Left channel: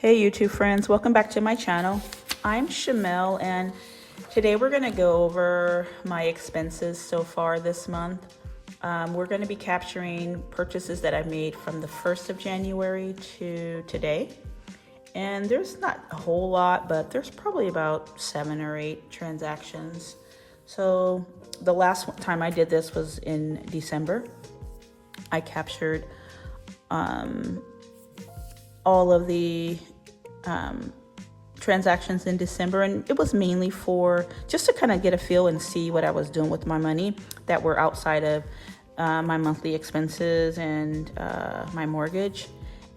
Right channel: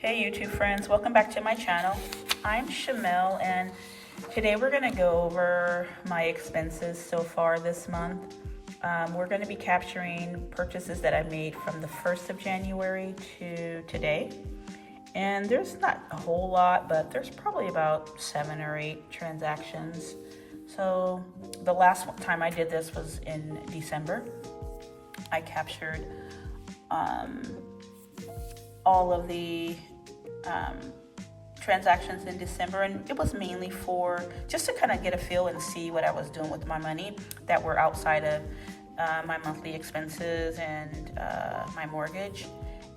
Hey YouTube friends, welcome back to my channel. I'm Shamel and today we're going to go over my expenses so far this month. We're going to be capturing purchases that I've made from the 1st of January to today. And there's not a whole lot, but there's probably about 7 or 8 transactions. So the last time I did this was in December. I captured all of the transactions in December, and it was mainly for just to kind of get a feel and see what I was doing with my money that were outside of my monthly expenses and my mortgage.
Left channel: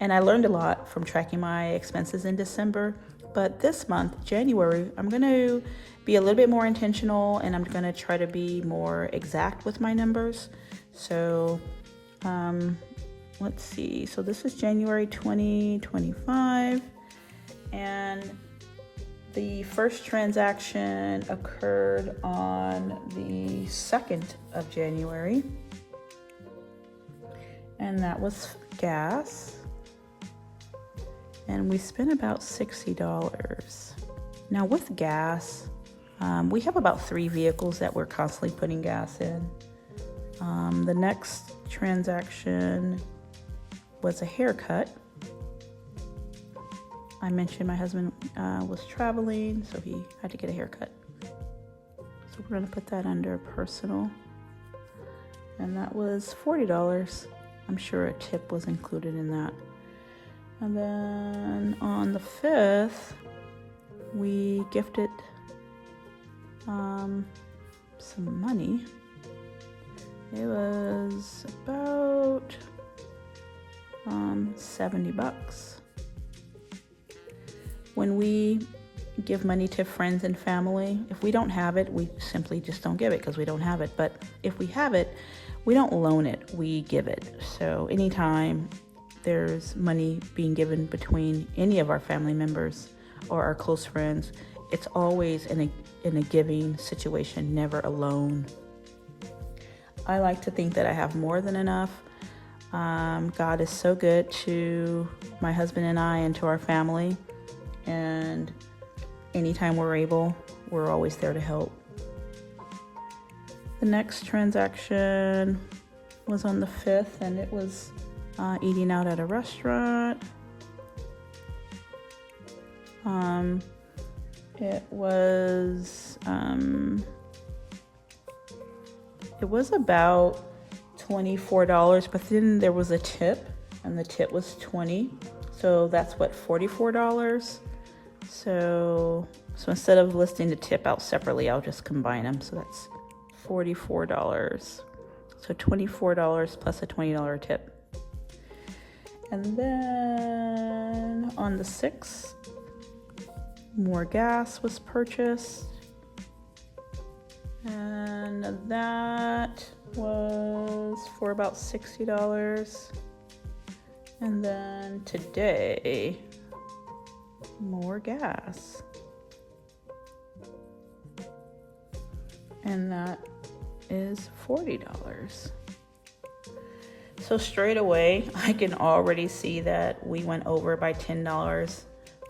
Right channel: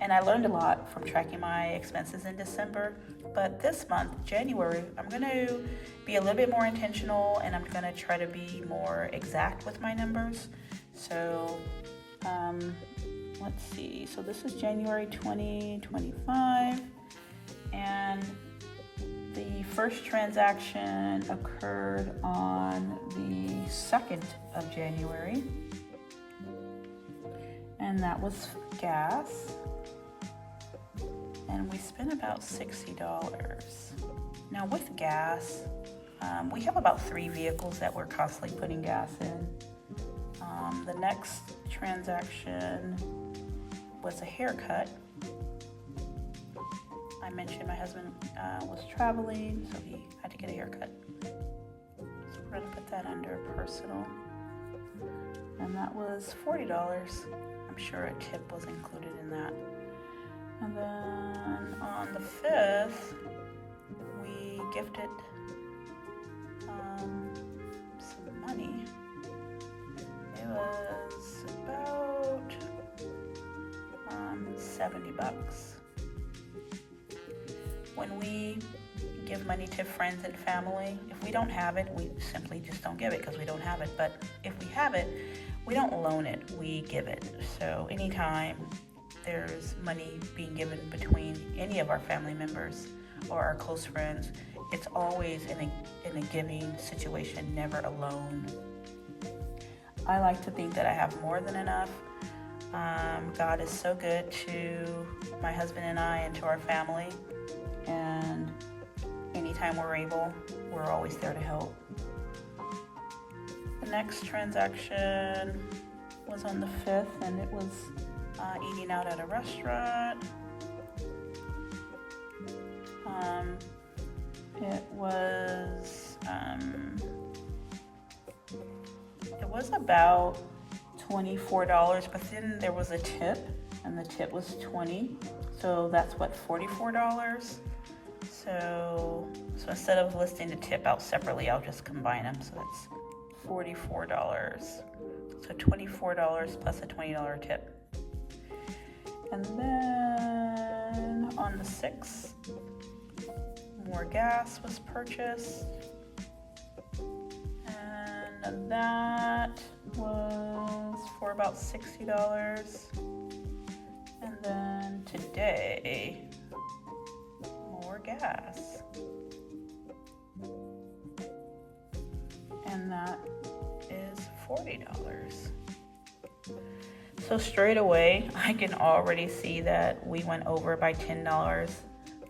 And I learned a lot from tracking my expenses in December. But this month, January, I'm going to be a little bit more intentional, and I'm going to try to be more exact with my numbers. So let's see. So this is January 2025. And the first transaction occurred on the 2nd of January. And that was gas. And we spent about $60. Now with gas, we have about 3 vehicles that we're constantly putting gas in. The next transaction was a haircut. I mentioned my husband was traveling, so he had to get a haircut. So we're gonna put that under personal. And that was $40. I'm sure a tip was included in that. And then on the 5th, we gifted some money. It was about $70. When we give money to friends and family, if we don't have it, we simply just don't give it because we don't have it. But if we have it, we don't loan it, we give it. So anytime there's money being given between any of our family members or our close friends, it's always in a giving situation, never a loan. I like to think that I have more than enough. God is so good to my husband and I and to our family. And anytime we're able, we're always there to help. The next transaction was on the 5th, and it was eating out at a restaurant. It was about $24, but then there was a tip, and the tip was $20. So that's what, $44. So instead of listing the tip out separately, I'll just combine them. So that's $44. So $24 plus a $20 tip. And then on the 6th, more gas was purchased. And that was for about $60. And then today, more gas. And that is $40. So straight away, I can already see that we went over by $10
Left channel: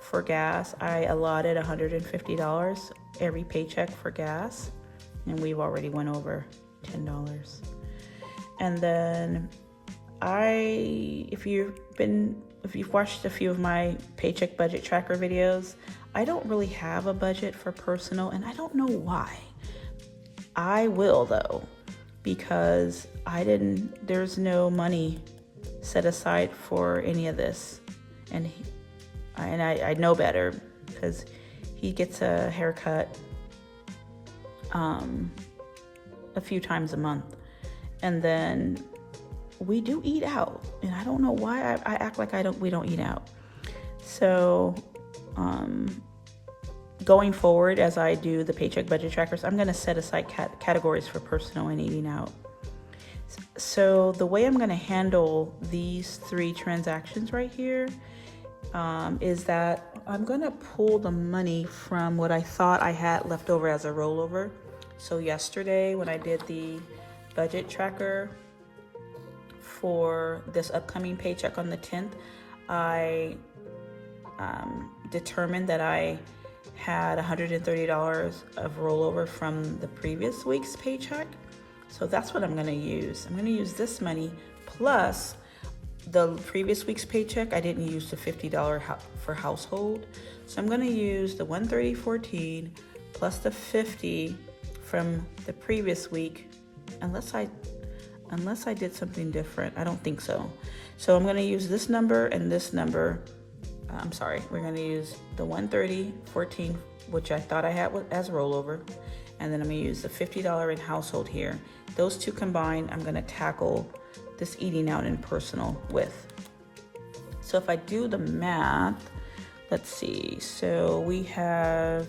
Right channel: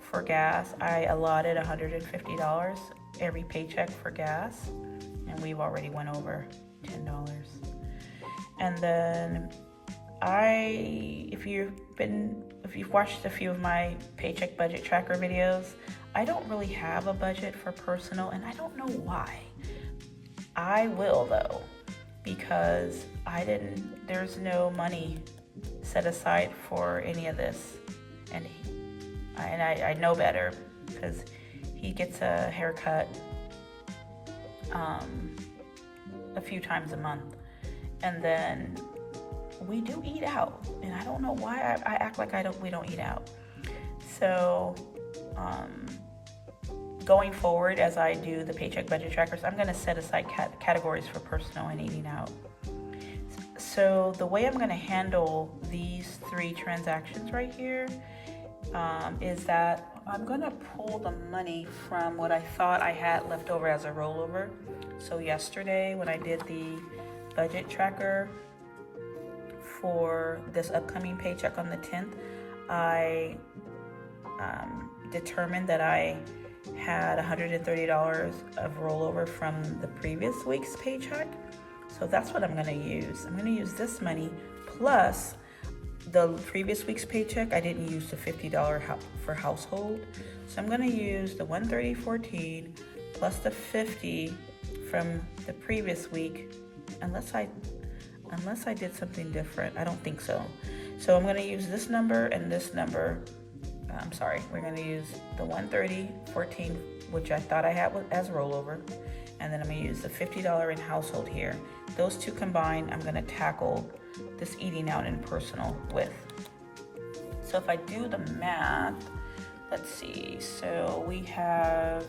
for gas. I allotted $150 every paycheck for gas, and we've already went over $10. And then if you've watched a few of my paycheck budget tracker videos, I don't really have a budget for personal, and I don't know why. I will though, because there's no money set aside for any of this. And I know better because he gets a haircut a few times a month. And then we do eat out, and I don't know why I act like we don't eat out. So going forward, as I do the paycheck budget trackers, I'm going to set aside categories for personal and eating out. So the way I'm going to handle these 3 transactions right here is that I'm going to pull the money from what I thought I had left over as a rollover. So yesterday when I did the budget tracker for this upcoming paycheck on the 10th, I determined that I had $130 of rollover from the previous week's paycheck. So that's what I'm gonna use. I'm gonna use this money plus the previous week's paycheck. I didn't use the $50 for household. So I'm gonna use the $130.14 plus the $50 from the previous week, unless I did something different. I don't think so. So I'm gonna use this number and this number. I'm sorry, we're gonna use the $130.14, which I thought I had as rollover, and then I'm gonna use the $50 in household here. Those two combined, I'm gonna tackle this eating out and personal with. So if I do the math, let's see. So we have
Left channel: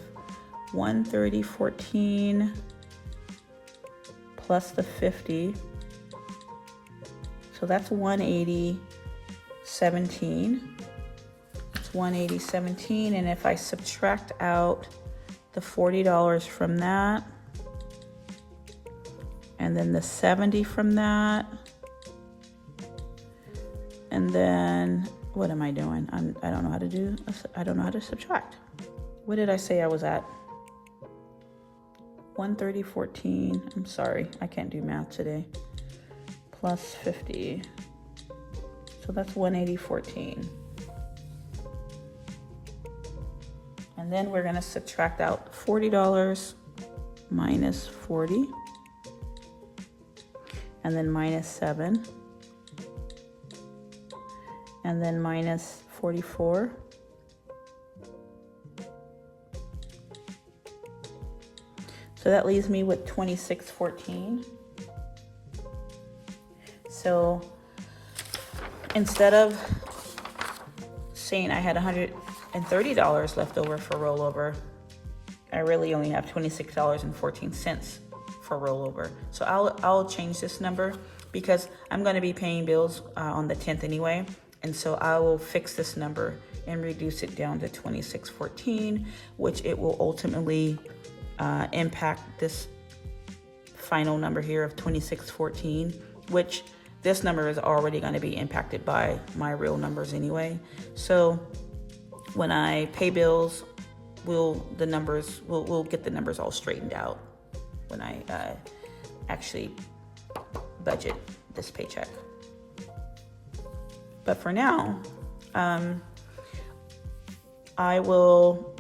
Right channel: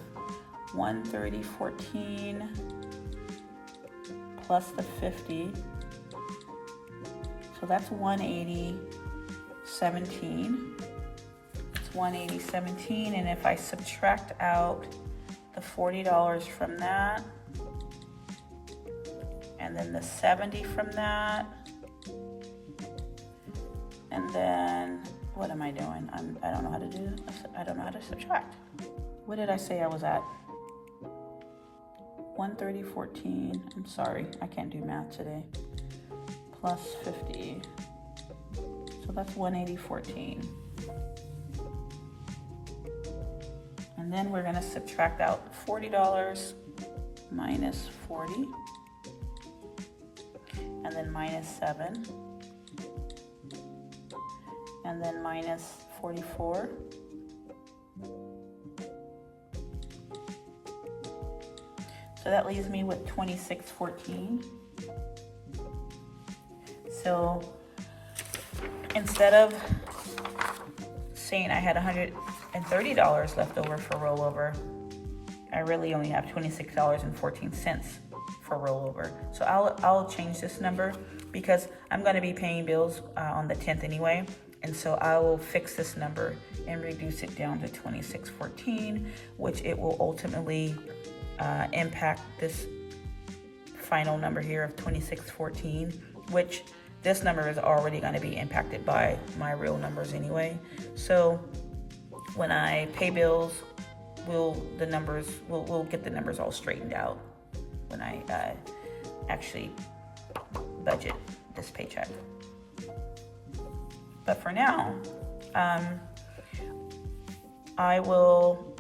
$130.14 plus the 50. So that's $180.17. It's $180.17, and if I subtract out the $40 from that, and then the 70 from that, and then what am I doing? I don't know how to do. I don't know how to subtract. What did I say I was at? 130.14. I'm sorry, I can't do math today. Plus 50. So that's 180.14. And then we're gonna subtract out $40 minus 40, and then minus 7, and then minus 44. So that leaves me with 26.14. So instead of saying I had $130 left over for rollover, I really only have $26.14 for rollover. So I'll change this number because I'm going to be paying bills on the 10th anyway, and so I will fix this number and reduce it down to 26.14, which it will ultimately impact this final number here of 26.14, which this number is already going to be impacted by my real numbers anyway. So when I pay bills, we'll get the numbers all straightened out when I actually budget this paycheck. But for now, I will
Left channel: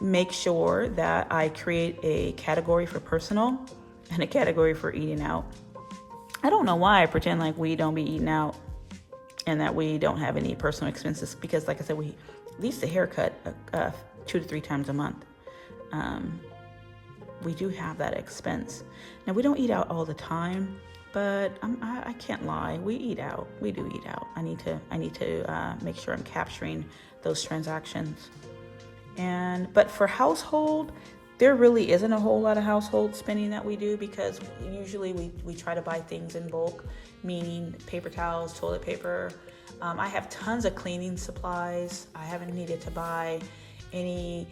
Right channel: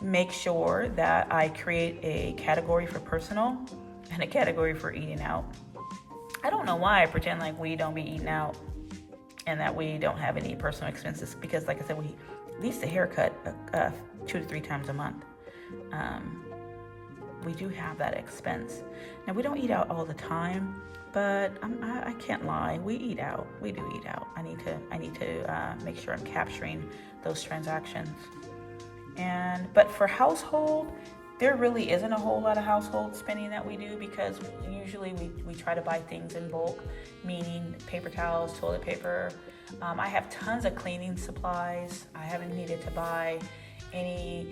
make sure that I create a category for personal and a category for eating out. I don't know why I pretend like we don't be eating out and that we don't have any personal expenses, because like I said, we at least a haircut 2 to 3 times a month. We do have that expense. Now we don't eat out all the time, but I can't lie, we eat out. We do eat out. I need to make sure I'm capturing those transactions. But for household, there really isn't a whole lot of household spending that we do, because usually we try to buy things in bulk, meaning paper towels, toilet paper. I have tons of cleaning supplies. I haven't needed to buy any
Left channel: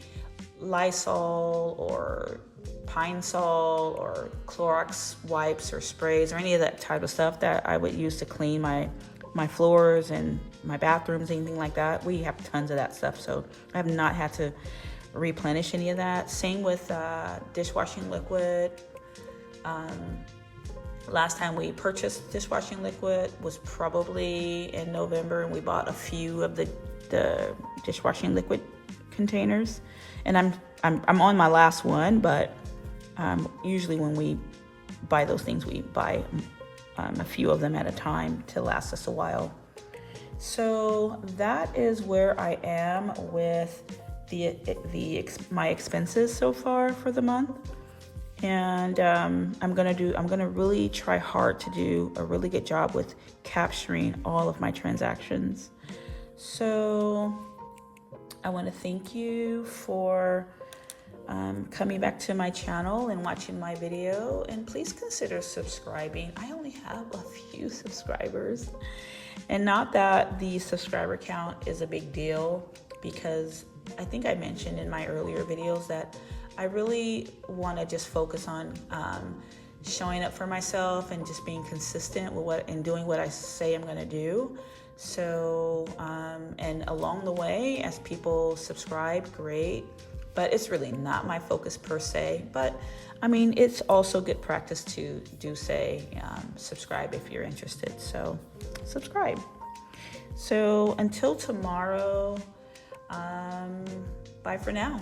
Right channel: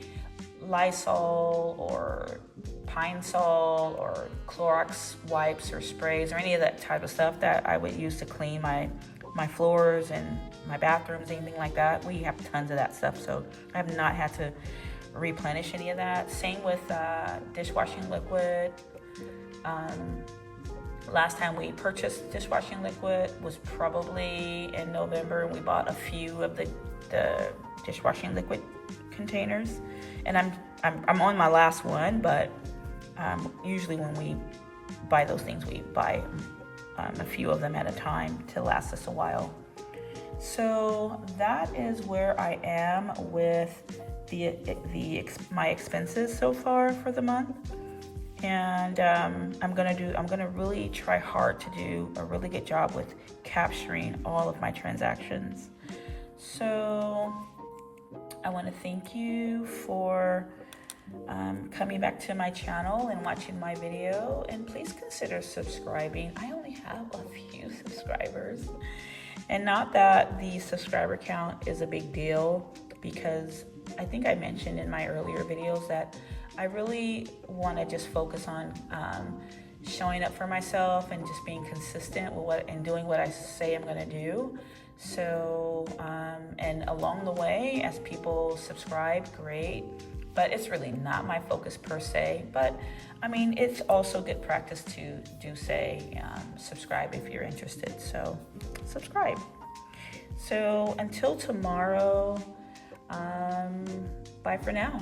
Lysol or Pine Sol or Clorox wipes or sprays or any of that type of stuff that I would use to clean my floors and my bathrooms, anything like that. We have tons of that stuff, so I have not had to replenish any of that. Same with dishwashing liquid. Last time we purchased dishwashing liquid was probably in November, and we bought a few of the dishwashing liquid containers. And I'm on my last one, but usually when we buy those things, we buy a few of them at a time to last us a while. So that is where I am with my expenses so far for the month. And I'm gonna really try hard to do a really good job with capturing all of my transactions. So I want to thank you for coming back to my channel and watching my video, and please consider subscribing. I only have a few subscribers, and not that the subscriber count is a big deal, because I think I mentioned in my earlier videos that I really want to just focus on showing up for myself and just being consistent with and doing what I say I'm going to do, So, and along the way, as people subscribe, great. But it's really not my focus per se. But I mean, it's also good practice to subscribe if you're interested. So subscribe. So until tomorrow, bye for now.